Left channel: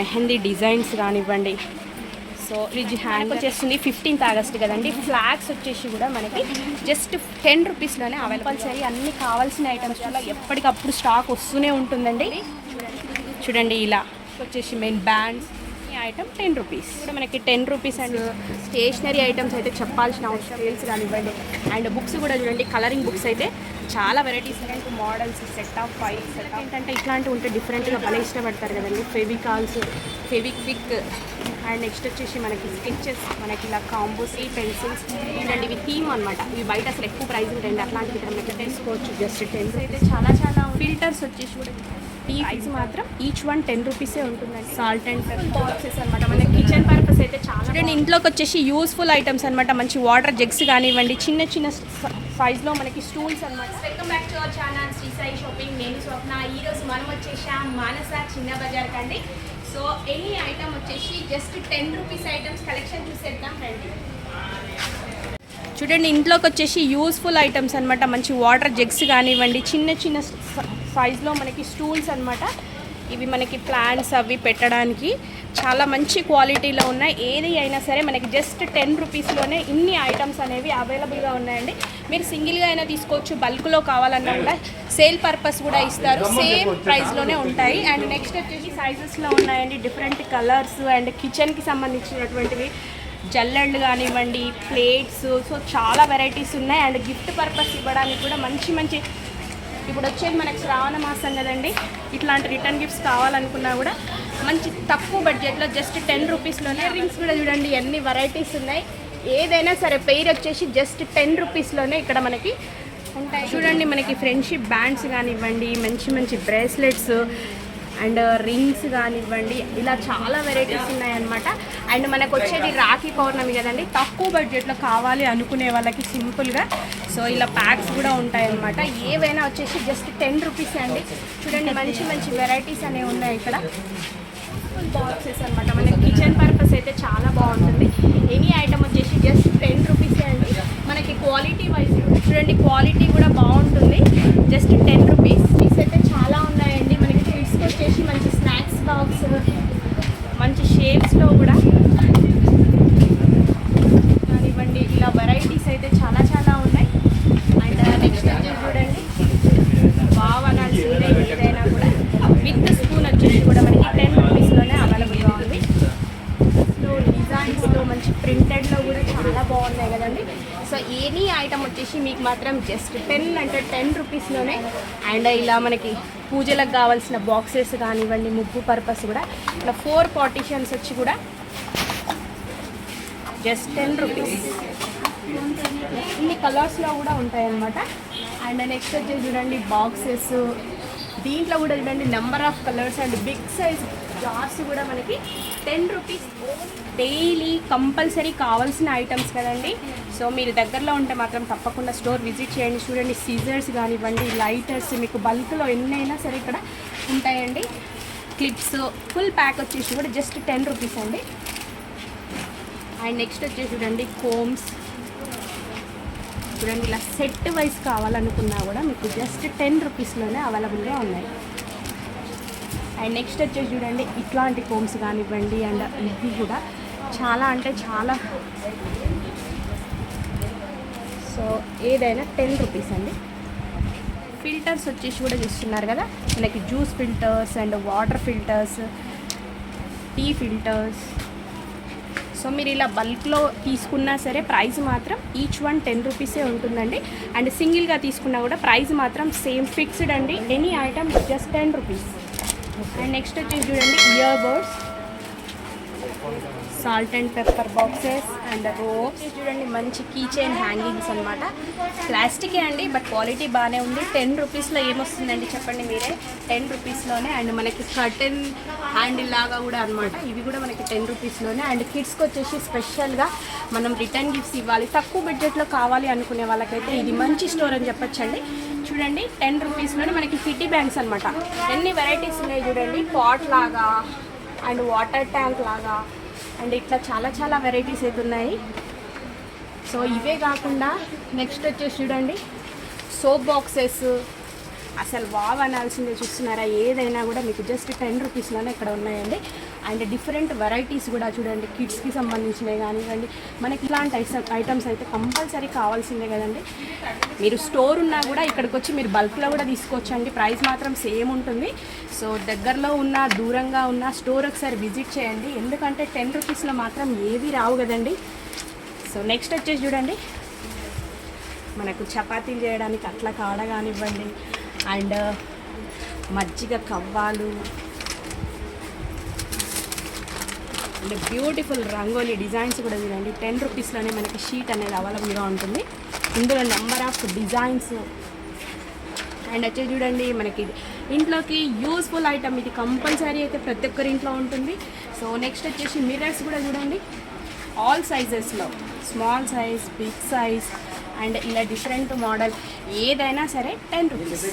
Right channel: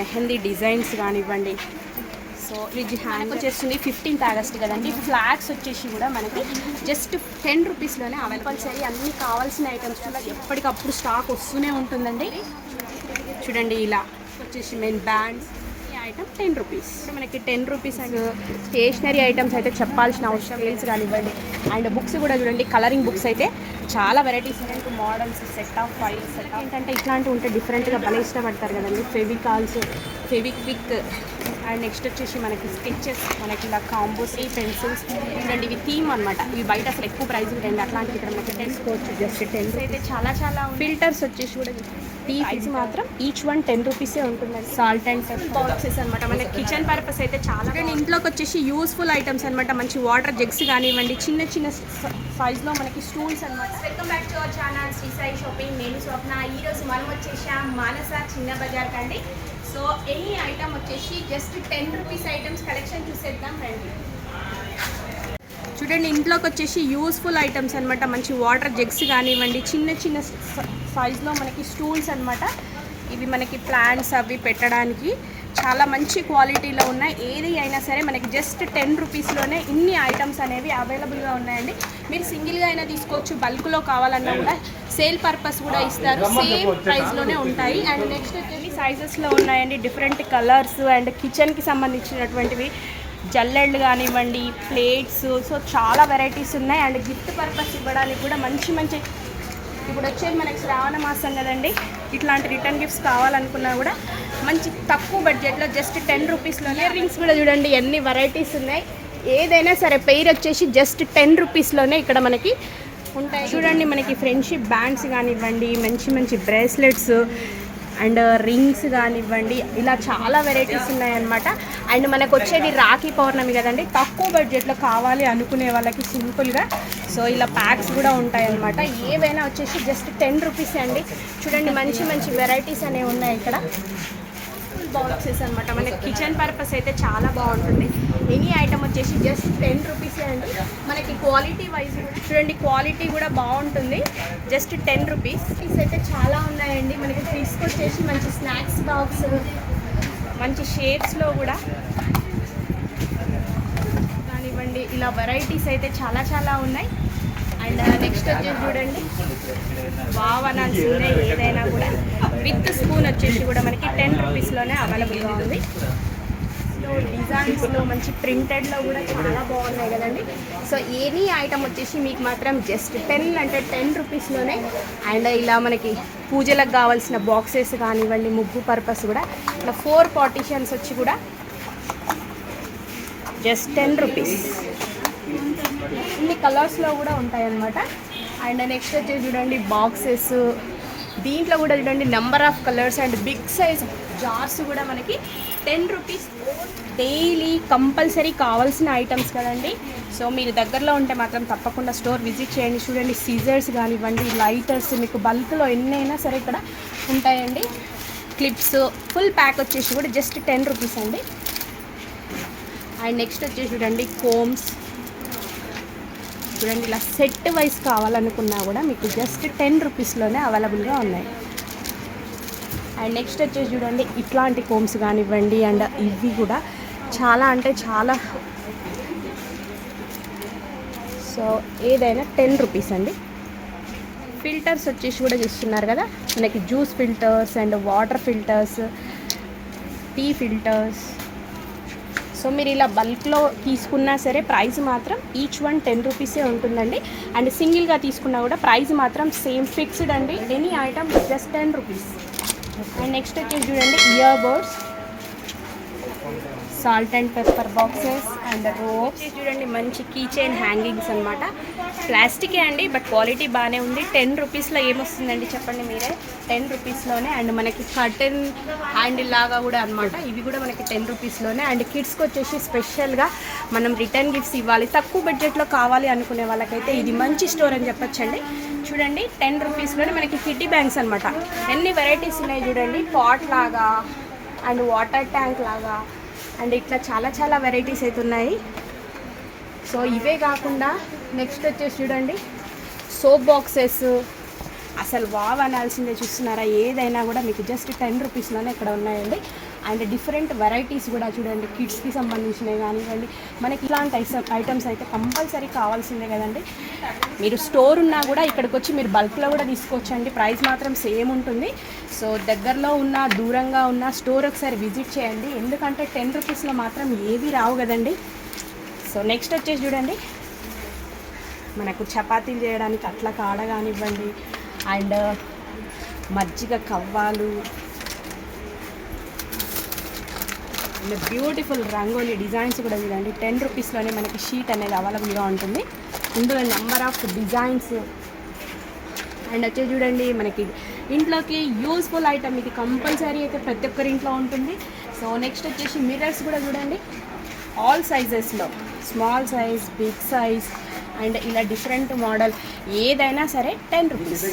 Mehndi designs కానివ్వండి. So fridge hang వచ్చేస్తుంది 15th August కదండి. ఫ్లాగ్స్ వచ్చేసి కూడా మనకి జస్ట్ 10 రూపీస్లోనే కంపల్సరీ అన్ని కావాల్సిన ఐటమ్స్ కూడా ఎప్పటికప్పుడు స్టాక్ వస్తూనే ఉంటుందండి. చూడండి ఇలా వచ్చేసి మెయిన్ బ్యాండ్స్ ఐటమ్ 10 రూపీస్. మనకి 10 రూపీస్ అండ్ స్టేషనరీ ఐటమ్స్ అయితే చెప్పాల్సిన అవసరం స్కేల్స్ కానివ్వండి. అండ్ బుక్స్ కూడా చూడండి, కలరింగ్ బుక్స్ అయితే చాలా వెరైటీస్ ఉన్నాయి. Models, set of files, set of ఏంటంటే ఇట్లాంటివి ఉంటే డిఫరెంట్గా భలే ఇష్టపడతారు కదండి. ఫెవికాల్స్, ఫెవిక్విక్ అండ్ నెక్స్ట్ వచ్చేసి మనకి స్కెచెస్, మనకి ఇలా కాంబోస్, ఈ పెన్సిల్స్ చూడండి. ఇవి థీమ్ అనమాట. ఇవి బయట అసలు ఎక్కువ ప్రైస్ ఉంటాయండి. అట్లాంటివి ఇక్కడ మనకి 10 కోవచ్చు. జస్ట్ 10 అయితే చాలా ఫిల్టర్స్ వచ్చేసి కూడా టీ ఫిల్స్ మాత్రం ఈచ్ వన్ 10 రూపీసే ఉంటుందండి. సాల్ట్ అండ్ బాక్సెస్ అనమాట. మనకి కిచెన్ పర్పస్ అయితే చాలా చూడండి. ఇంట్లోకి వచ్చేసి యూస్ఫుల్ ఐటమ్స్ అనమాట. మంచి వాటర్ జగ్స్ కానివ్వండి, చిన్న చిన్న సైజ్లో మనకి స్టూల్స్ అనమాట. Welcome back to our channel Sri Sai shopping. నేను స్వప్న. ఈరోజు మనం వచ్చేసాం మానస చిన్న బజార్ కండి. సో ఎనీ ఐటమ్ వచ్చేసి జస్ట్ 10 రూపీస్ ఐటమ్స్ కలెక్షన్ చూసేద్దాం రండి. చూడండి ఇంట్లోకి వచ్చేసి యూస్ఫుల్ ఐటమ్స్ అనమాట. మంచి వాటర్ జగ్స్ కానివ్వండి, చిన్న చిన్న సైజ్లో మనకి స్టూల్స్ అనమాట. ఇవి మనకి ప్లాంట్స్ అవి పెట్టడానికి చాలా మంచి క్వాలిటీలో ఉన్నాయి. ఏది అయినా సరే మనకి జస్ట్ 10 రూపీస్లోనే ఇన్ని ఐటమ్స్ అనేవి అవైలబుల్గా ఉన్నాయండి. మీరు సింగిల్గా అయినా తీసుకోవచ్చు, బల్క్లో కావాలన్నా కూడా సేల్ పర్పస్ కూడా ఇస్తారు. సేమ్ ప్రైస్లోనే ఉంటాయి. అండ్ నెక్స్ట్ వచ్చేసి సైజెస్లో ఉన్నాయండి, డిఫరెంట్ కలర్స్ అండ్ కిచెన్కి సంబంధించినటువంటివి జల్లెళ్ళు కానివ్వండి, ప్లేట్స్. సో చాలా వెరైటీస్ ఉన్నాయి. అండ్ గిఫ్ట్ పర్పస్ ఇవ్వడానికి కూడా మంచి మంచి ఇప్పుడు వచ్చేది మనకి శ్రావణ మాసం కదండి. ఇట్లాంటి రిటర్న్ గిఫ్ట్స్ కావాలనుకున్నా కూడా మంచి తక్కువ బడ్జెట్లో జస్ట్ 10 రూపీస్లోనే. రింగ్స్ కూడా చూడండి ఎన్ని వెరైటీస్ ఉన్నాయి. ఏదైనా సరే పెయిర్ వచ్చేసి జస్ట్ 10 రూపీస్లోనే ఇక్కడ మనకి ఉంటాయి. చూడండి మనకి ఫ్రెండ్షిప్ బ్యాండ్స్ కానివ్వండి, మంచి మంచి బ్రేస్లెట్స్ అండ్ రింగ్స్ కానివ్వండి, ఇలా చాలా వెరైటీస్ ఉన్నాయన్నమాట. అండ్ మనకు వచ్చేది రాఖీ పౌర్ణమి కదండి. తక్కువ బడ్జెట్లో కావాలి అనుకునే వాళ్ళకి సింపుల్గా సో ఇలా ప్యాక్స్ కూడా ఉంటాయన్నమాట. ఏవైనా వచ్చేసి జస్ట్ 10 రూపీస్ అండి. చూడండి మంచి మంచి వెరైటీస్ అనేవి ఉన్నాయి ఇక్కడ. బాక్సెస్ అనమాట. మనకి కిచెన్ పర్పస్ అయితే చాలా బాగుంటుంది. ఎనీ ఐటమ్ వచ్చేసి జస్ట్ 10 రూపీసే అండి. మనకి క్వాలిటీ వైజ్ చూడండి, క్వాలిటీ కూడా బాగుంటుంది. Just 10 rupees. పీస్ అయితే చాలా ఉన్నాయండి. మనకి తీసుకొచ్చేసి మంచి స్నాక్స్ బాక్స్, మంచి షేప్స్లో కూడా కానివ్వండి. ఇలా వెరైటీస్ అయితే చాలా చాలా ఉన్నాయి. అండ్ నెక్స్ట్ వచ్చేసి చూడండి బావనాల్సిందే ఏదైనా కూడా విత్ స్పూన్ వచ్చేసి కూడా మనకి 10 రూపీస్లోనే అవైలబుల్గా ఉంది. డిజైన్స్లో మంచి ప్రింటెడ్లో కూడా చాలా బాగున్నాయి కదండి. సో ఎనీ ఐటమ్ వచ్చేసి మీకు మాత్రం జస్ట్ 10 అంటే 10 రూపీస్లోనే. అండ్ ఇలా మనకి పూజలకు కావాల్సిన బాక్సెస్ కానివ్వండి, ముగ్గు పర్పస్ కూడా ఇలా 4 పార్టీషన్స్ వచ్చి కూడా జస్ట్ 10 రూపీస్. ఇన్ని కలర్స్లో కూడా ఉంటాయన్నమాట. అండ్ నెక్స్ట్ వచ్చేసి చూడండి బాక్సెస్. దీంట్లో కూడా చూడండి number of colours and big size jars కూడా మనకి 10 రూపీస్. డైలీ కంపల్సరీ కావాల్సిన ఐటమ్స్ కదండి. సో మీరు దగ్గరలో ఉంటే మాత్రం తప్పకుండా స్టోర్ విజిట్ చేయండి. చూడండి సీజర్స్ కానివ్వండి, లైటర్స్ మీకు బల్క్లో ఎన్నైనా సరే ఇక్కడ ఉంటాయండి. క్లిప్స్ ఫుల్ ప్యాక్ వచ్చేసి కూడా జస్ట్ 10 రూపీస్ అండి. అండ్ నెక్స్ట్ వచ్చేసి చూడండి కోమ్స్. చూడండి ఇలా సెట్ వైజ్ కావాలనుకున్నా కూడా మీకు జస్ట్ 10 రూపీస్లోనే అవైలబుల్గా ఉన్నాయి. అండ్ నెక్స్ట్ వచ్చేసి చూడండి ఇట్లాంటి కోమ్స్ కానివ్వండి. అండ్ ఇవి కూడా చాలా అంటే చాలా. సో ఏదైనా 10 రూపీస్ అండి. ఫిల్టర్స్ వచ్చేసి కూడా ఇస్తున్నారు కదా మనకి, juice filters and water filters, tea filters. So మీరు ఇలా బల్క్లో తీసుకున్నా సరే ప్రైస్ మాత్రం ఈచ్ వన్ 10 రూపీసే ఉంటుందండి. అండ్ సింగిల్గా తీసుకున్నా కూడా ప్రైస్ మాత్రం సేమ్ ఫిక్స్డ్ అండి. Any item just 10 rupees. And next వచ్చేసి చూడండి ear buds, salt and pepper boxes and ropes. చూడండి మంచి కీ చైన్ హ్యాంగింగ్స్ అనమాట. ప్లాస్టికే అండి బట్ క్వాలిటీ బాగానే ఉంది. 10 రూపీస్లో ఏమొస్తుందండి చెప్పండి మీరే, 10 రూపీస్లోనే. అండ్ మనకి కర్టెన్ హ్యాండిల్ లాగా కూడా అనమాట. ఇవి కూడా మనకి 10 రూపీస్లోనే. అండ్ కిడ్స్కి వచ్చేసి స్పెషల్గా మనం రిటర్న్ గిఫ్ట్స్ ఇవ్వాలి, తక్కువ బడ్జెట్లో కావాలి అనుకునే వాళ్ళకైతే ఇది మంచి స్టోర్ అని చెప్పొచ్చండి. చూడండి 10 రూపీస్లోనే మనకి కిడ్డీ బ్యాంక్స్ అనమాట. ఎన్ని వెరైటీస్ ఉన్నాయి చూడండి. పాట్ లాగా అండ్ వాటర్ ట్యాంక్ లాగా అండ్ ఇట్లా చాలా చాలా వెరైటీస్ అయితే ఉన్నాయి. సో ఇవే కాకుండా నెక్స్ట్ వచ్చేసి చూడండి సోప్ బాక్సెస్. అసలు వావ్ అనాల్సిందే. చూస్తున్నారా, ఏదైనా కూడా మీకు జస్ట్ 10 రూపీస్లోనే ఇక్కడ ఉన్నాయండి. అండ్ డిఫరెంట్ వెరైటీస్ కూడా చూడండి, కిడ్స్కి సంబంధించినవి కానివ్వండి. మనకి ఇలాంటి ఐటమ్స్ అయితే కంపల్సరీ కావాల్సిందే కదండి. మీరు స్టోర్ ఉన్నా కూడా ఇక్కడికి వచ్చి మీరు బల్క్లో కూడా తీసుకోవచ్చండి. ప్రైస్ మాత్రం సేమ్ ఉంటుంది. సో దగ్గరలో ఉన్న దూరంగా ఉన్న స్టోర్ ఒకసారి విజిట్ చేయండి, ఎందుకంటే 10 రూపీస్లో మాత్రం ఏవి రావు కదండి. సో నెక్స్ట్ వచ్చేసి చూడండి, మనకు చపాతీలు చేయడానికి అట్లా కాడ కానివ్వండి, అండ్ మజ్జిగ కవ్వాలు, అండ్ బ్యూటిఫుల్ రంగోలీ డిజైన్స్ కూడా చూడండి. 10 రూపీస్లోనే మనకి షీట్ అనేది అవైలబుల్గా ఉంటుంది. ఇందులో నెంబర్ ఆఫ్ డిజైన్స్. అండ్ వచ్చేసి చూడండి, మనకి ఇంట్లోకి యూస్ఫుల్ ఐటమ్ ఇది, కంపల్సరీ అయితే ప్రతి ఒక్కరి ఇంట్లో ఉంటుంది. సో నెక్స్ట్ వచ్చేసి మిర్రర్స్ కూడా చూడండి, ఆల్ సైజెస్లో, small size, big size, and ఇలా డిఫరెంట్ మోడల్ ఏదైనా సరే 10 rupees.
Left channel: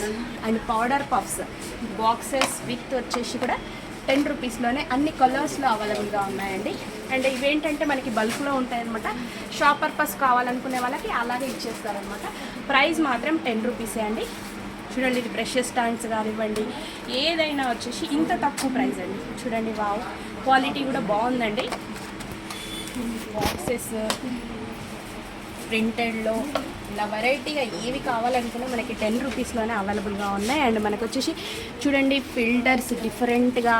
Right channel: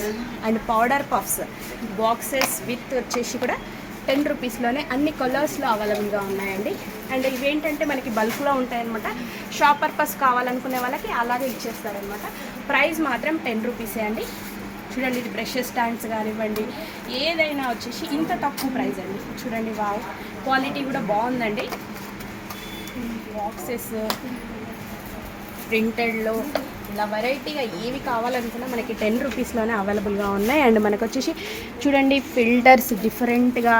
And powder puffs boxes with వచ్చేసి కూడా 10 రూపీస్లోనే అన్ని కలర్స్లో అవైలబుల్గా ఉన్నాయండి. అండ్ ఇవేంటంటే మనకి బల్క్లో ఉంటాయన్నమాట. షాప్ పర్పస్ కావాలనుకునే వాళ్ళకి అలాగే ఇచ్చేస్తారనమాట. ప్రైస్ మాత్రం 10 రూపీసే అండి. చూడండి, ఇది బ్రషెస్ స్టాండ్స్ కానివ్వండి, ఏదైనా వచ్చేసి ఇంత తక్కువ ప్రైస్ అండి. చూడండి, వావ్, క్వాలిటీ కూడా బాగుందండి. బాక్సెస్ ప్రింటెడ్లో ఇలా వెరైటీగా ఏవి కావాలనుకున్నా మనకి 10 రూపీస్లోనే అవైలబుల్గా ఉన్నాయి. అండ్ మనకు వచ్చేసి చూడండి, ఫిల్టర్స్ డిఫరెంట్గా,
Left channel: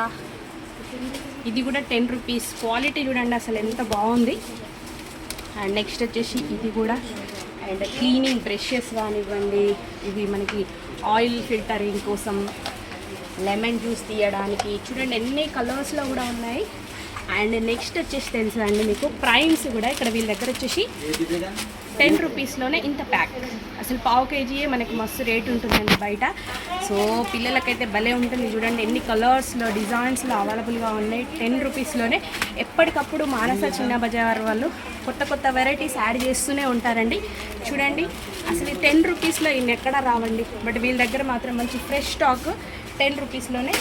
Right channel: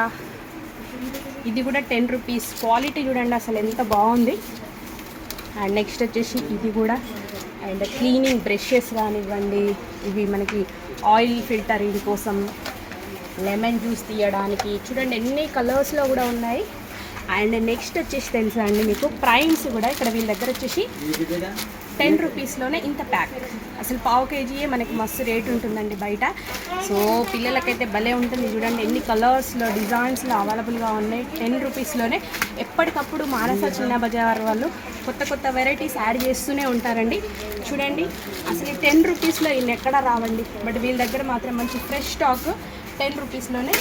ఇది కూడా 10 రూపీస్. క్వాలిటీ చూడండి అసలు ఎంత బాగుంది. అండ్ నెక్స్ట్ వచ్చేసి ఇది కూడా, అండ్ క్లీనింగ్ బ్రషెస్ కానివ్వండి, ఇవి మనకి ఆయిల్ ఫిల్టరింగ్ కోసం, లెమన్ జ్యూస్ తీయడానికి, చూడండి ఎన్ని కలర్స్లో కూడా ఉన్నాయి. అండ్ నెక్స్ట్ వచ్చేసి తెలుసా అండి మీకు, ప్రైమ్స్ కూడా ఇక్కడ వీళ్ళ దగ్గర వచ్చేసి 10 రూపీస్లోనే ఇంత ప్యాక్. అసలు పావు కేజీయే మనకి మస్తు రేట్ ఉంటుందండి బయట. సో పిల్లలకైతే భలే ఉంటుంది. చూడండి ఎన్ని కలర్స్లో, డిజైన్స్లో అవైలబుల్గా ఉన్నాయి 10 రూపీస్లోనే. ఎప్పటికప్పుడు మానస చిన్న బజార్ వాళ్ళు కొత్త కొత్త వెరైటీస్ యాడ్ చేస్తూనే ఉంటారండి. చూడండి అసలు ఈ 10 రూపీస్లో ఇన్ని ఎక్కడా రావండి, బట్ వీళ్ళ దగ్గర మాత్రం మంచి ఫ్రెష్ స్టాక్ 10 రూపీస్లోనే.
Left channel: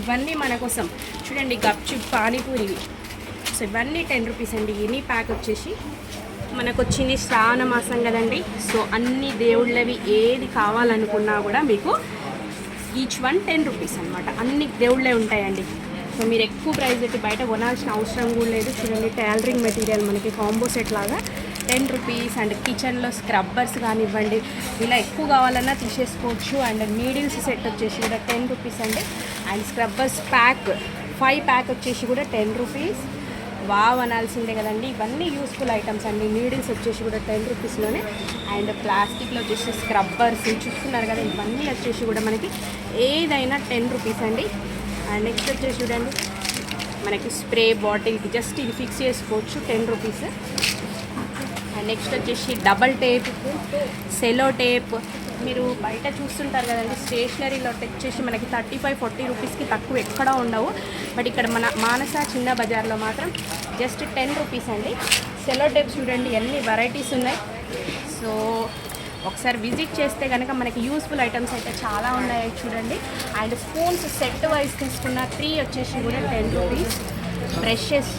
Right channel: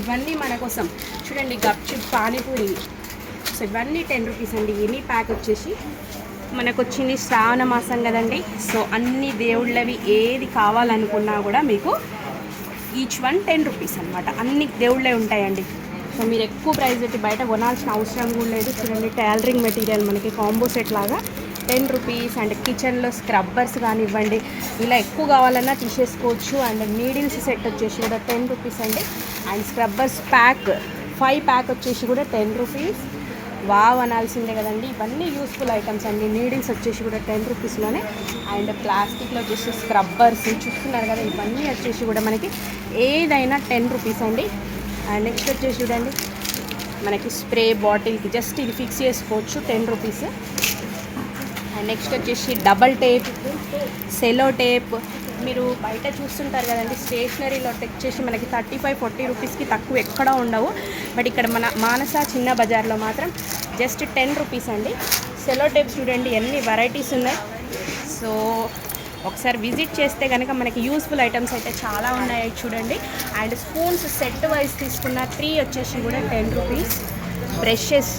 ఇవన్నీ మన కోసం చూడండి, గప్చిప్, పానీపూరి, సో ఇవన్నీ 10 రూపీస్ అండి. ఎనీ ప్యాక్ వచ్చేసి మనకు వచ్చింది శ్రావణ మాసం కదండి. సో అన్ని దేవుళ్ళవి ఏది కావాలనుకున్నా కూడా మీకు ఈచ్ వన్ 10 రూపీస్ అనమాట. అన్ని దేవుళ్ళే ఉంటాయండి. సో మీరు ఎక్కువ ప్రైస్ పెట్టి బయట కొనాల్సిన అవసరం కూడా లేదు. చూడండి, టైలరింగ్ మెటీరియల్ మనకి కాంబో సెట్ లాగా 10 రూపీస్. అండ్ కిచెన్లో స్క్రబ్బర్స్ కానివ్వండి, ఇలా ఎక్కువ కావాలన్నా తీసేసుకోవచ్చు. అండ్ నీడిల్స్ సెట్ వచ్చేసి కూడా 10 రూపీస్ అండి. అండ్ స్క్రబ్బర్స్ ప్యాక్ 5 ప్యాక్ వచ్చేసి కూడా 10 రూపీస్. వావ్ అనాల్సిందే కదండి. ఇవన్నీ యూస్ఫుల్ ఐటమ్స్ అండి. నీడిల్స్ వచ్చేసి కూడా 10 రూపీస్లోనే. అండ్ ప్లాస్టిక్లో వచ్చేసి స్క్రబ్బర్స్ చూస్తున్నారు కదా, ఇవన్నీ వచ్చేసి కూడా మనకి ఏదైనా 10 రూపీస్ అండి. అండ్ నెక్స్ట్ వచ్చేసి చూడండి, మనకి స్ప్రే బాటిల్కి జస్ట్ ఇది ఫిక్స్ చేసుకోవచ్చు 10 రూపీస్. అండ్ నెక్స్ట్ వచ్చేసి డబల్ టేప్, సెలో టేప్, మీరు బయట చూస్తుంటారు కదండి స్టేషనరీలో వచ్చేసి మనకి 35-40 రూపీస్కి తక్కువ ఎక్కడా ఉండవు. బట్ ఇక్కడ మన మానస చిన్న బజార్లో మాత్రం జస్ట్ 10 రూపీస్ అండి. సెలో టేప్ చూడండి ఎన్ని వెరైటీస్ ఉన్నాయి. సో ఒకసారి విజిట్ చేస్తే కనుక మనకి యూస్ఫుల్ ఐటమ్స్ అయితే చాలా ఉన్నాయి చూడండి. అండ్ స్పూన్స్ సెట్ వైజ్ తీసుకున్న 3 వచ్చేసి కూడా 10 రూపీస్. బ్రషెస్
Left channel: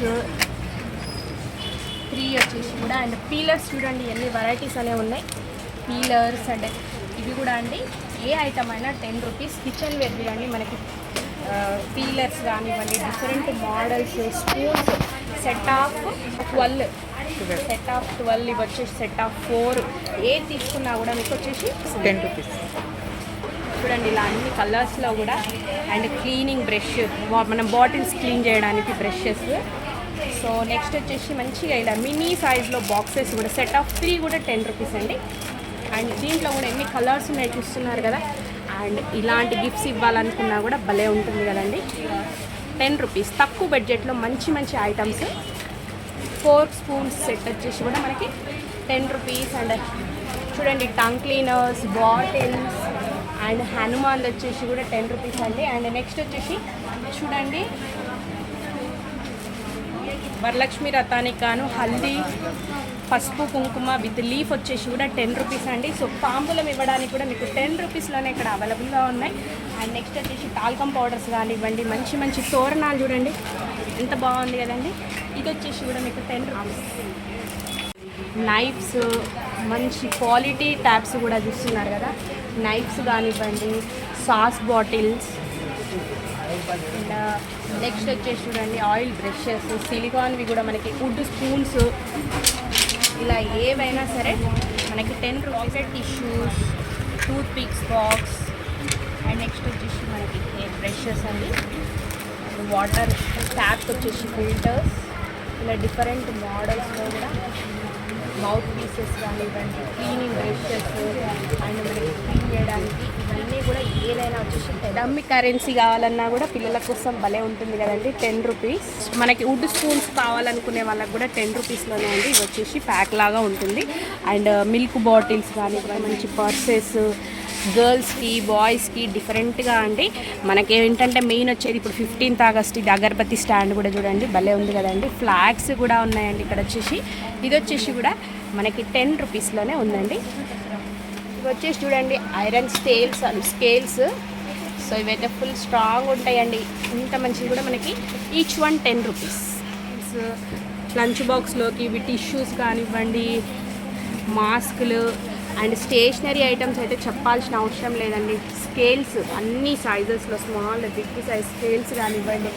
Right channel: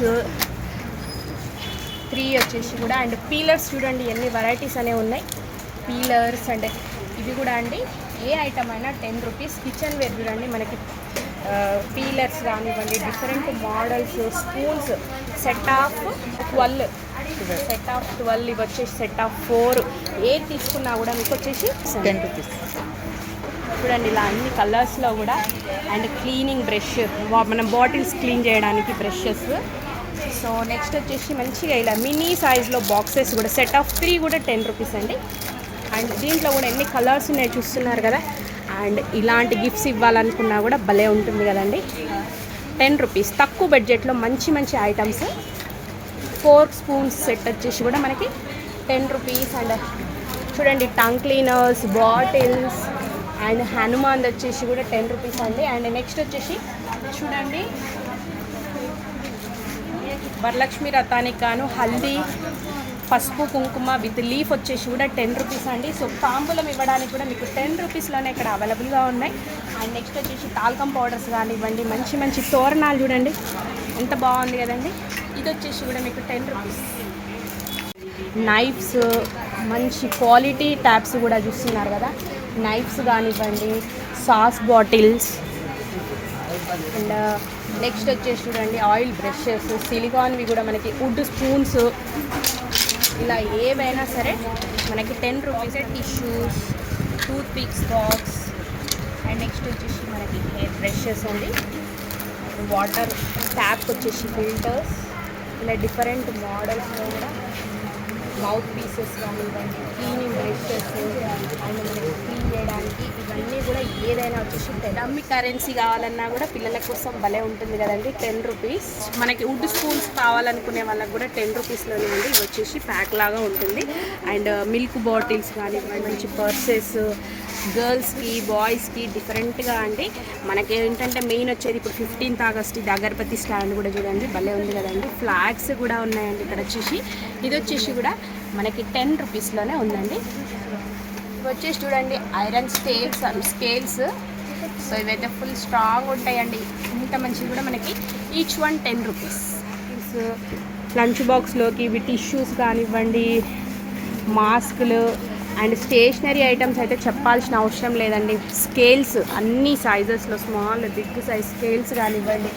3 వచ్చేసి కూడా. అండ్ పీలర్స్ చూడండి ఎన్ని వెరైటీస్ అనేవి ఉన్నాయి. పీలర్స్ అండ్ ఇవి కూడా అండి, ఏ ఐటమ్ అయినా 10 రూపీస్. కిచెన్ వేర్ చూడండి మనకి పీలర్స్ కానివ్వండి, different models, spoons set of 12, set of 12, ఇవి వచ్చేసి సెట్ ఆఫ్ 4. ఏది తీసుకున్నా కూడా మీకు వచ్చేసి 10 రూపీస్. చూడండి ఇలా అన్ని కలర్స్లో కూడా. అండ్ క్లీనింగ్ బ్రష్, మనం బాటిల్స్ క్లీన్ చేయడానికి బ్రషెస్. సో నెక్స్ట్ వచ్చేసి మంచిగా ఇలా మినీ సైజ్లో బాక్సెస్ కూడా సెట్ ఆఫ్ 3 కూడా 10 రూపీస్ అండి. అండ్ దీంట్లో కూడా ఎన్ని కలర్స్ ఉన్నాయి చూస్తున్నారు కదా. అండ్ ఇలాంటి గిఫ్ట్స్ ఇవ్వాలనుకున్నా కూడా భలే ఉంటుంది కదండి. 10 రూపీస్ తక్కువ బడ్జెట్లో మంచి మంచి ఐటమ్స్. 4 స్పూన్స్ సెట్ వచ్చేసి కూడా మనకి 10 రూపీస్. అండ్ చూడండి tongue cleaners, bottles, and Hanuman వచ్చేసి కూడా 10 రూపీస్ అండి. అండ్ నెక్స్ట్ వచ్చేసి చూడండి వరలక్ష్మి రథానికి గాను హల్దీ, పసుపు కుంకుమ విత్ లీఫ్ వచ్చేసి కూడా 10 రూపీస్ అండి. సో తాంబూలం ఇవ్వడానికి కూడా మీకు 10 రూపీస్లోనే ఇక్కడ అవైలబుల్గా ఉన్నాయి. అండ్ నెక్స్ట్ వచ్చేసి టాల్కమ్ పౌడర్స్ కానివ్వండి, మంచి మంచి తోరణాలు చూడండి ఎంత బాగుంది కదండి. ఇది వచ్చేసి కూడా మీకు 10 రూపీస్. నైఫ్స్, మంచి క్వాలిటీ ట్యాప్స్ కూడా చూస్తున్నారు కదా. నైఫ్స్ కానివ్వండి, సాస్ బాటిల్స్, అండ్ నెక్స్ట్ వచ్చేసి చూడండి ఆయిల్ బ్రషెస్, సిలికాన్వి కూడా మనకి, వుడ్ స్పూన్స్, ఇలా ఏవైనా సరే మనకి 10 rupees. Tissues, tooth pics box, and next వచ్చేసి మనకి హెయిర్ బ్రషెస్ అండి, వాటర్ ట్యాప్ వచ్చేసి ఫిల్టర్స్, ఇలా డిఫరెంట్ మోడల్స్లో కూడా మౌత్ పీసెస్ కానివ్వండి, క్లీనింగ్ బ్రషెస్ అండ్ మనకి క్లీన్ చేయడానికి ఇవన్నీ కూడా ఏదైనా వచ్చేసి డమ్మీ కరెన్సీ కావాలన్నా కూడా పిల్లల కోసం భలే ఉంటుంది కదండి. 10 రూపీస్. మనకి వుడ్ స్పూన్స్ కావాలనుకునే వాళ్ళకి కూడా 10 రూపీస్లోనే ఉంది. ఇది వచ్చేసి ప్యాక్ లాగా ఉంటుంది. అండ్ మిల్క్ బాటిల్స్ కానివ్వండి, మంచి పర్సెస్, గర్ల్స్కి బాయ్స్కి డిఫరెంట్గా అండి. మనకి ఏంటంటే మెయిన్ వచ్చేది ఇప్పుడు 15th ఆగస్ట్ ఇది అగరబత్తి స్టాండ్ కూడా చూడండి భలే ఉంది కదండి. ఫ్లాగ్స్ కూడా ఉన్నాయండి ఇక్కడ వచ్చేసి. ఇది వచ్చేసి కూడా మనకి 10 రూపీస్లోనే ఉందండి. ఇవి వచ్చేసి చూడండి ఐరన్ స్కేల్స్. సో ఇవైతే ఫుల్ స్ట్రాంగ్ ఉంటాయండి. ఇంత మంచివి కూడా మనకి ఈచ్ వన్ 10 రూపీస్. లంచ్ బాక్స్లోకి ఇవి టిష్యూస్ కానివ్వండి, మాస్కులు అండ్ స్టేషనరీ ఐటమ్స్ అయితే చెప్పాల్సిన అవసరం లేదండి. స్కేల్స్ అన్ని సైజెస్లో, స్మాల్ బిగ్ సైజ్ స్కేల్స్ కానివ్వండి.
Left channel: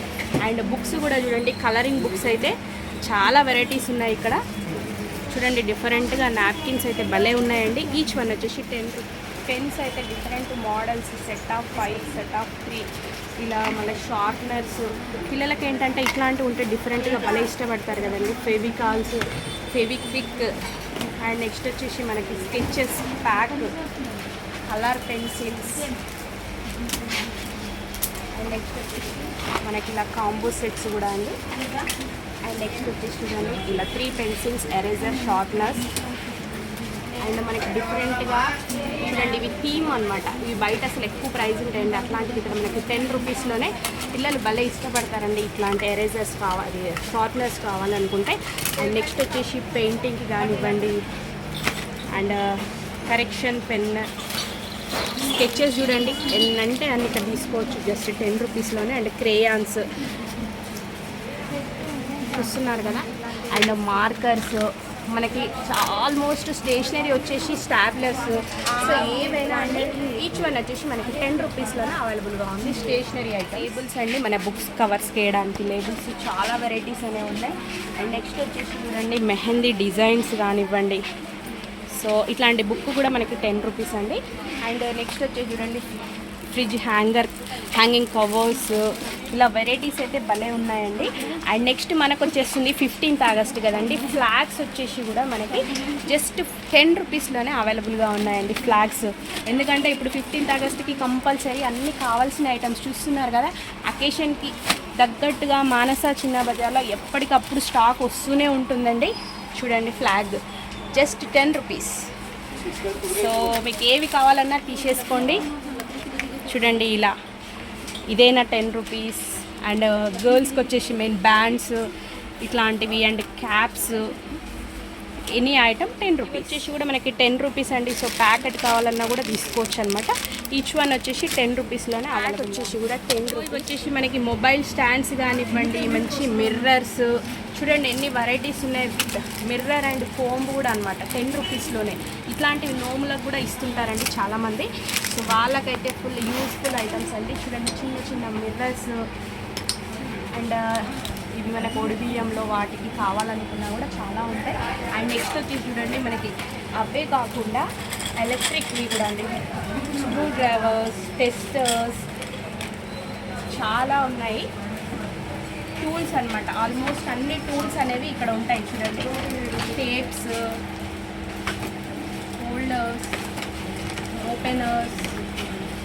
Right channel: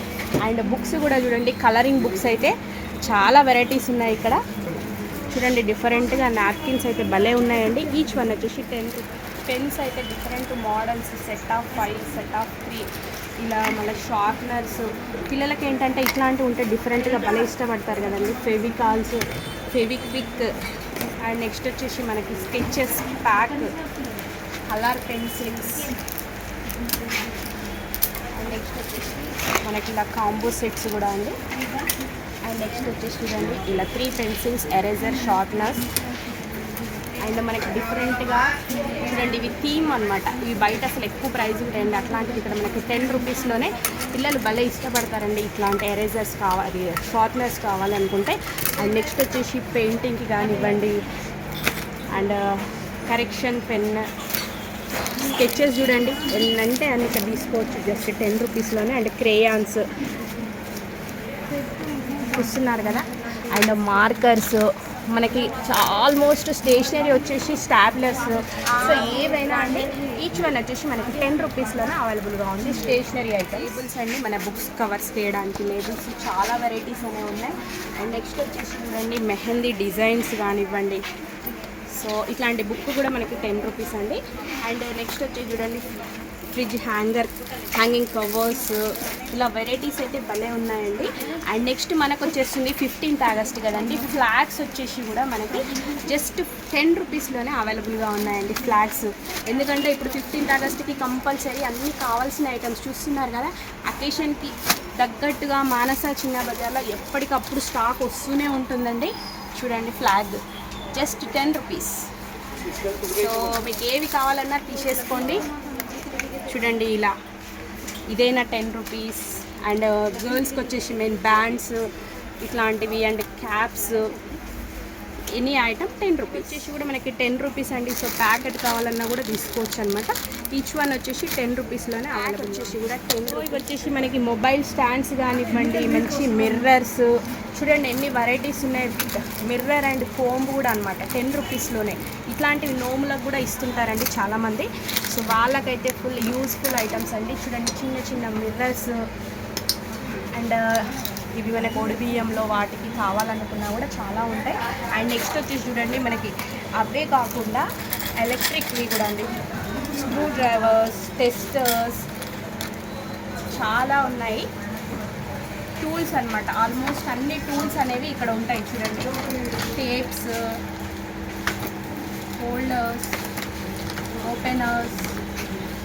అండ్ బుక్స్ కూడా చూడండి, కలరింగ్ బుక్స్ అయితే చాలా వెరైటీస్ ఉన్నాయి ఇక్కడ చూడండి. డిఫరెంట్గా నాప్కిన్స్ అయితే భలే ఉన్నాయండి. ఈచ్ వన్ వచ్చేసి 10 రూపీస్. పెన్స్ అయితే different models, set of 5, set of 3, ఇలా మళ్ళీ షార్ప్నర్స్. పిల్లలకి ఏంటంటే ఇట్లాంటివి ఉంటే డిఫరెంట్గా భలే ఇష్టపడతారు కదండి. ఫెవికాల్స్, ఫెవిక్విక్, అండ్ నెక్స్ట్ వచ్చేసి మనకి sketches pack, colour pencils, and next వచ్చేసి మనకి ఇలా కాంబో సెట్స్ కూడా అండి. అండ్ నెక్స్ట్ వచ్చేసి చూడండి ఇలా 3 పెన్సిల్స్, ఎరేజర్, షార్ప్నర్స్. అండ్ మనకి డిఫరెంట్గా చూడండి ఇవి థీమ్ అనమాట. ఇవి బయట అసలు ఎక్కువ ప్రైస్ ఉంటాయండి. అట్లాంటివి ఇక్కడ మనకి 10 రూపీస్లోనే పిల్లలు భలే ఇష్టపడతారండి. ఇట్లాంటి ఎరేజర్స్ కావాలి, షార్ప్నర్స్ కావాలనుకుంటే. అండ్ నెక్స్ట్ వచ్చేసి పెయింటింగ్కి కానివ్వండి, అండ్ కరెక్షన్ పెన్, స్కెచెస్ చూడండి ఎన్నంటే అన్ని ఇక్కడ తీసుకోవచ్చు జస్ట్ 10 రూపీస్లోనే. అండ్ క్రేయాన్స్ చూస్తున్నారు కదా. అండ్ మార్కర్స్ మనకి ఆల్మోస్ట్ స్టేషనరీ వచ్చేసి స్టాప్లర్స్. సో ఏవైనా అండి ఈచ్ వన్ వచ్చేసి మనకి 10 రూపీస్లోనే అవైలబుల్గా ఉంది. స్టేషనరీ ఐటమ్, లేబుల్స్ అండి, మన బుక్స్ కవర్స్ వేయడానికి లేబుల్స్ చాలా వెరైటీస్ అనేవి ఉన్నాయి. అండ్ నెక్స్ట్ వచ్చేసి చూడండి మెహందీ డిజైన్స్ కానివ్వండి. సో ఇట్లాంటి బుక్ కూడా మనకి 10 రూపీస్ అండి. అండ్ నెక్స్ట్ వచ్చేసి చూడండి ఫ్రిడ్జ్ హ్యాంగింగ్ కవర్స్, ఇలా వెరైటీస్ అయితే భలే ఉన్నాయండి. అండ్ నెక్స్ట్ మనకు వచ్చేస్తుంది 15th ఆగస్ట్ కదండి. ఫ్లాగ్స్ వచ్చేసి కూడా మనకి జస్ట్ 10 రూపీస్లోనే అవైలబుల్గా ఉన్నాయండి ఫ్లాగ్స్. ఎందుకంటే ఇప్పుడు 15th ఆగస్ట్కి కంపల్సరీ అన్నీ కావాల్సిన ఐటమ్స్ చూస్తున్నారు కదా. అకేషన్కి తగ్గట్టుగా మానస చిన్న బజార్లో ఎప్పటికప్పుడు స్టాక్ వస్తూనే ఉంటుందండి. చూడండి ఫ్లాగ్ జస్ట్ 10 రూపీస్. సో మీకు ఏవి కావాలన్నా తీసేసుకోండి. చూడండి ఇలా ఇదైనా 10 రూపీస్. అండ్ గర్ల్స్కి వచ్చేసి మెయిన్ బ్యాండ్స్ ఇట్లాంటివి and caps, any item 10 rupees. వచ్చేసి కూడా మనకి 10 రూపీస్ అండి. సో ప్యాకెట్ కావాలన్నా కూడా తీసుకోవచ్చు అనమాట. ఈచ్ వన్ వచ్చేసి 10 రూపీస్లోనే అవైలబుల్. వచ్చేసి కూడా 10 రూపీస్. వచ్చేసి మనకి మొబైల్ స్టాండ్స్ కానివ్వండి, మంచి మిర్రర్స్ చూడండి ఎన్ని వెరైటీస్ ఉన్నాయి. మిర్రర్ అండ్ కోంబ్ కూడా అనమాట 10 రూపీస్లోనే. ఇట్లాంటివి నోములకు కూడా ఇస్తుంటారండి చాలామంది. సో వాళ్ళకైతే ఫుల్ యూస్ఫుల్ ఐటమ్స్ అండి. చూడండి చిన్న చిన్న మిర్రర్స్. అండ్ ఇవి మనకి పొడి బియ్యంలో వాటికి కావాలనుకున్నా కూడా చాలా ఉంటాయి. అండ్ నెక్స్ట్ వచ్చేసి చూడండి మనకి అవే కాకుండా ఎలక్ట్రిక్వి కూడా అండి, స్క్రూ డ్రైవర్స్, టెస్టర్స్ చాలా ఉన్నాయి. టూల్స్ అనమాట, ఆల్మోస్ట్ అన్ని టూల్స్ అనేవి ఇక్కడ ఉంటాయి. చూడండి టేప్స్, హోల్డర్స్, ఓపెనర్స్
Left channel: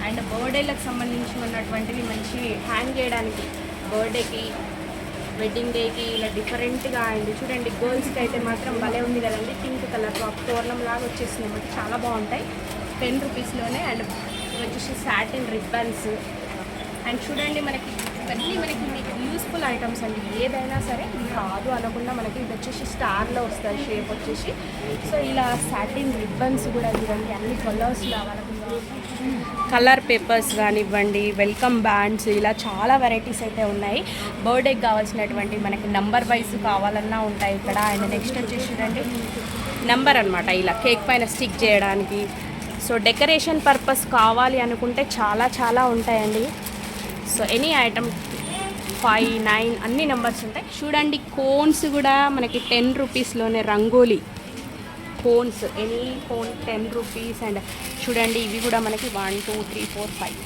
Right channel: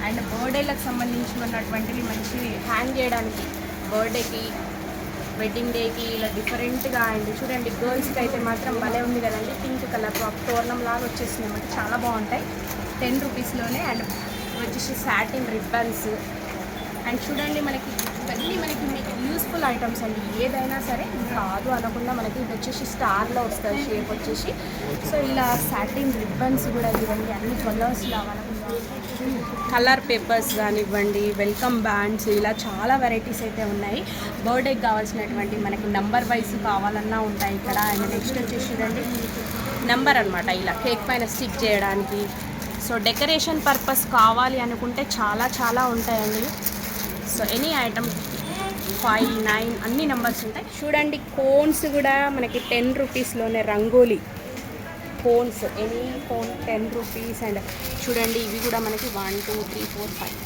అండ్ బర్త్డేలకు సంబంధించి ఉన్నటువంటివి మంచి హ్యాంగ్ చేయడానికి, బర్త్డేకి, వెడ్డింగ్ డేకి ఇలా డిఫరెంట్గా. అండ్ చూడండి గర్ల్స్కి అయితే మాత్రం భలే ఉంది కదండి. పింక్ కలర్ తోరణం లాగా వచ్చేసింది అన్నమాట. చాలా బాగుంటాయి 10 రూపీస్లోనే. అండ్ వచ్చేసి సాటిన్ రిబ్బన్స్. అండ్ చూడండి మనకి ఇవన్నీ మనకి మీకు యూస్ఫుల్ ఐటమ్స్ అండి. ఏదైనా సరే ఇది కాదు అనకుండా మనకి ఇది వచ్చేసి స్టార్లో వస్తుంది షేప్ వచ్చేసి. సో ఇలా సాటిన్ రిబ్బన్స్ కూడా చూడండి అన్ని కలర్స్లో కలర్ పేపర్స్ కానివ్వండి, వెల్కమ్ బ్యాండ్స్, ఇలా చాలా వెరైటీస్ అయితే ఉన్నాయి. బర్త్డేకి కావాల్సినటువంటి మనకి నంబర్ వైజ్ కావాలన్నా ఉంటాయి ఇక్కడ. అండ్ నెక్స్ట్ వచ్చేసి చూడండి నెంబర్ అనమాట, ఇలా కేక్ పైన స్టిక్ చేయడానికి. సో డెకరేషన్ పర్పస్ కావాలి అనుకుంటే చాలా చాలా ఉంటాయండి. సో ఎనీ ఐటమ్ 5, 9 అన్ని నెంబర్స్ ఉంటాయి. చూడండి కోన్స్ కూడా మనకి 10 రూపీస్లోనే rangoli cones, any cone 10 rupees. And చూడండి ఇవి కూడా మనకి 1, 2, 3, 4, 5,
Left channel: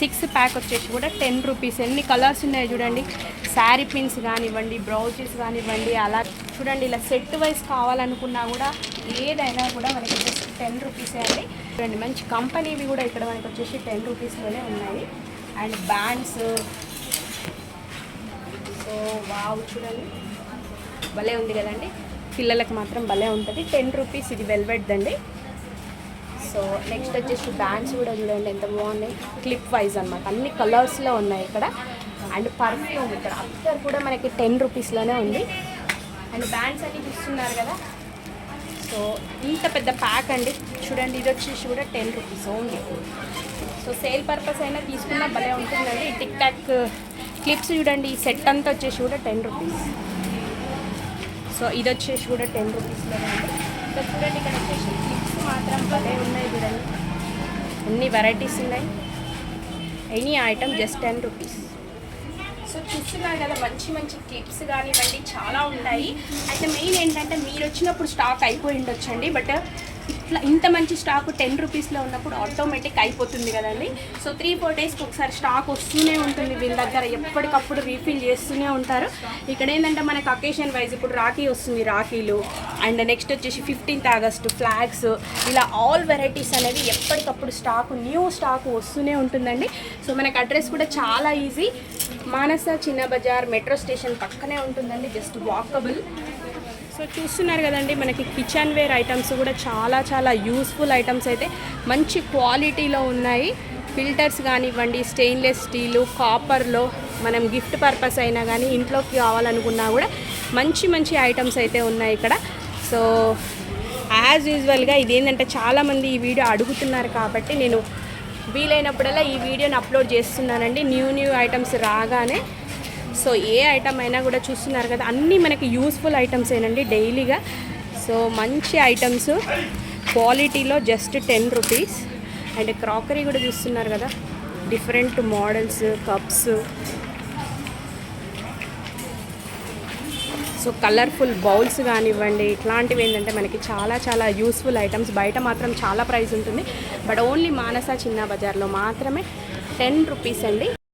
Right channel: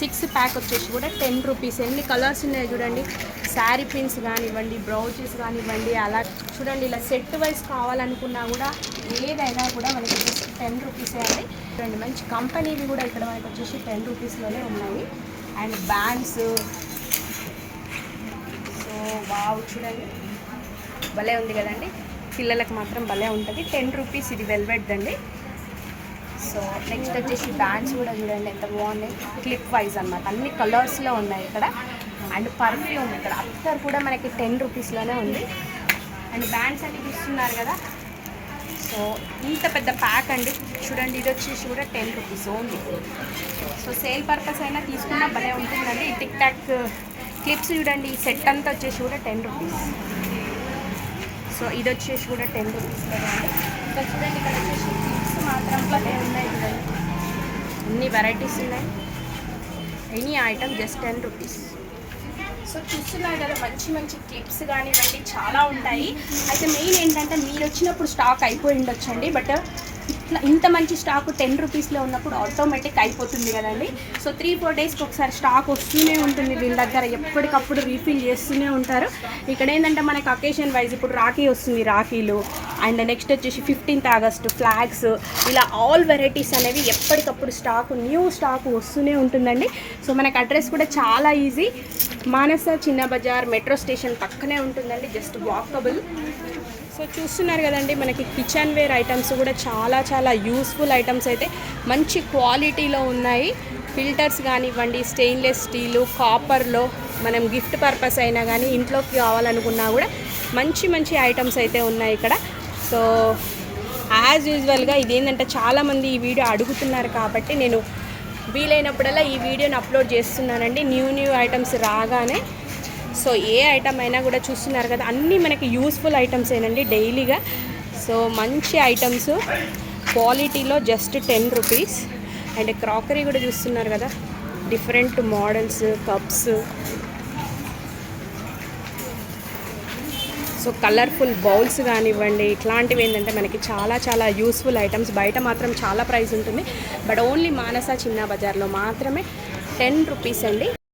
6 ప్యాక్ వచ్చేసి కూడా 10 రూపీస్. ఎన్ని కలర్స్ ఉన్నాయో చూడండి. శారీ పిన్స్ కానివ్వండి, బ్రౌచెస్ కానివ్వండి, అలా చూడండి ఇలా సెట్ వైజ్ కావాలనుకున్నా కూడా ఏదైనా కూడా మనకి జస్ట్ 10 రూపీస్ అండి. చూడండి మంచి కంపెనీవి కూడా ఇక్కడ మనకి వచ్చేసి 10 రూపీస్లోనే ఉన్నాయి. అండ్ బ్యాండ్స్, సో వావ్ చూడండి భలే ఉంది కదండి, పిల్లలకు మాత్రం భలే ఉంటుంది. 10 రూపీస్ ఇది వెల్వెట్ అండి. సో నెక్స్ట్ వచ్చేసి బ్యాండ్స్ కూడా చూడండి ఎంత బాగున్నాయి, క్లిప్ వైజ్ అనమాట, అన్ని కలర్స్లో ఉన్నాయి ఇక్కడ. అండ్ పర్ఫ్యూమ్ ఇక్కడ అక్కడ కూడా మనకి 10 రూపీస్లోనే ఉంది. అండ్ బ్యాండ్స్ అన్ని చూస్తున్నారు కదా, సో ఇంత పెద్ద ప్యాక్ అండి. చూడండి ఇది వచ్చేసి కూడా 10 rupees only. So sale purpose అయినా తీసుకున్నా భలే ఉంటుందండి. టిక్ టాక్ క్లిప్స్ చూడండి, ఈ సెట్ అంతా వచ్చేసి కూడా 10 రూపీస్. సో ఇది వచ్చేసి కూడా 10 రూపీస్లోనే అండి. ఇంకా చూడండి ఇక్కడ వచ్చేసి క్లిప్స్ మాత్రం భలే ఉన్నాయి చూడండి, అన్ని వెరైటీస్ ఉన్నాయి. Any item just 10 rupees. So చూస్తున్నారు కదా మంచి మంచి క్లిప్స్ కానివ్వండి చాలా ఉంటాయి. అయితే మెయిన్ ఏంటంటే మీరు వచ్చినప్పుడు స్టాక్ అయిపోయి ఉండొచ్చండి, బట్ ఇట్లా ఇంత మంచి స్టాక్ 10 రూపీస్లో ఉన్నప్పుడు ఆటోమేటిక్ అయిపోతుంది కదండి. సో 3-4 డేస్కి ఒకసారి స్టాక్ వస్తూనే ఉంటుంది వీళ్ళ దగ్గర, ఎప్పటికప్పుడు రీఫిల్ చేస్తూనే ఉంటారు. ఇక్కడ ఏంటంటే మనకి అకేషన్ వైజ్ ఇప్పుడు రాఖీ వస్తుంది, రాఖీలు, అండ్ నెక్స్ట్ వచ్చేసి 15th ఆగస్టు ఫ్లాగ్స్, ఇలా ఆల్ వెరైటీస్ అనేది ఎప్పటికప్పుడు స్టాక్ న్యూ స్టాక్ వస్తూనే ఉంటుందండి. సో మనకి అడ్రస్ కూడా చాలా ఈజీ, మానస చిన్న బజార్ మెట్రో స్టేషన్ పక్కనే ఉంటుందండి, జస్ట్ వాకబుల్. సో చూస్తున్నారు కదండి మనకి కిచెన్ వేర్ ఐటమ్స్ కూడా చాలా చాలా యూస్ఫుల్ ఐటమ్స్ అయితే మంచి క్వాలిటీలో ఉన్నాయి. ఫిల్టర్స్ కానివ్వండి, స్టెయిన్లెస్ స్టీలు, కాపర్లో మనం గిఫ్ట్ పర్పస్ అయినా కానీ ఇంట్లోకి కావాలనుకున్నా కూడా మంచి మంచి ఐటమ్స్ అయితే ఉన్నాయి ఇక్కడ. సో యాజ్ యూజువల్గా ఇదేంటంటే చాలామంది ఈ వీడియో అడుగుతున్నారు కాబట్టి నేను వీలైనప్పుడల్లా ఈ వీడియోని అప్లోడ్ చేస్తున్నానండి న్యూ ఐటమ్స్ రాగానే. సో ఏ ఐటమ్ అయినా కూడా చూస్తున్నారు కదా అన్నీ మనకి యూస్ఫుల్ ఐటమ్స్ ఏనండి డైలీగా. సో మంచి ఐటమ్స్ క్వాలిటీలో జస్ట్ 10 రూపీస్. అండ్ క్రాకరీ కూడా చూస్తున్నారు కదా, different models, cups, so colourful bowls కానివ్వండి, ఇట్లాంటివి ఏంటంటే మనకి చాలా చాలా యూస్ఫుల్ ఐటమ్స్. బయట మాత్రం చాలా ప్రైస్ ఉంటుంది, బట్ ఓన్లీ మానస చిన్న బజార్లో మాత్రమే 10 రూపీస్ అండి.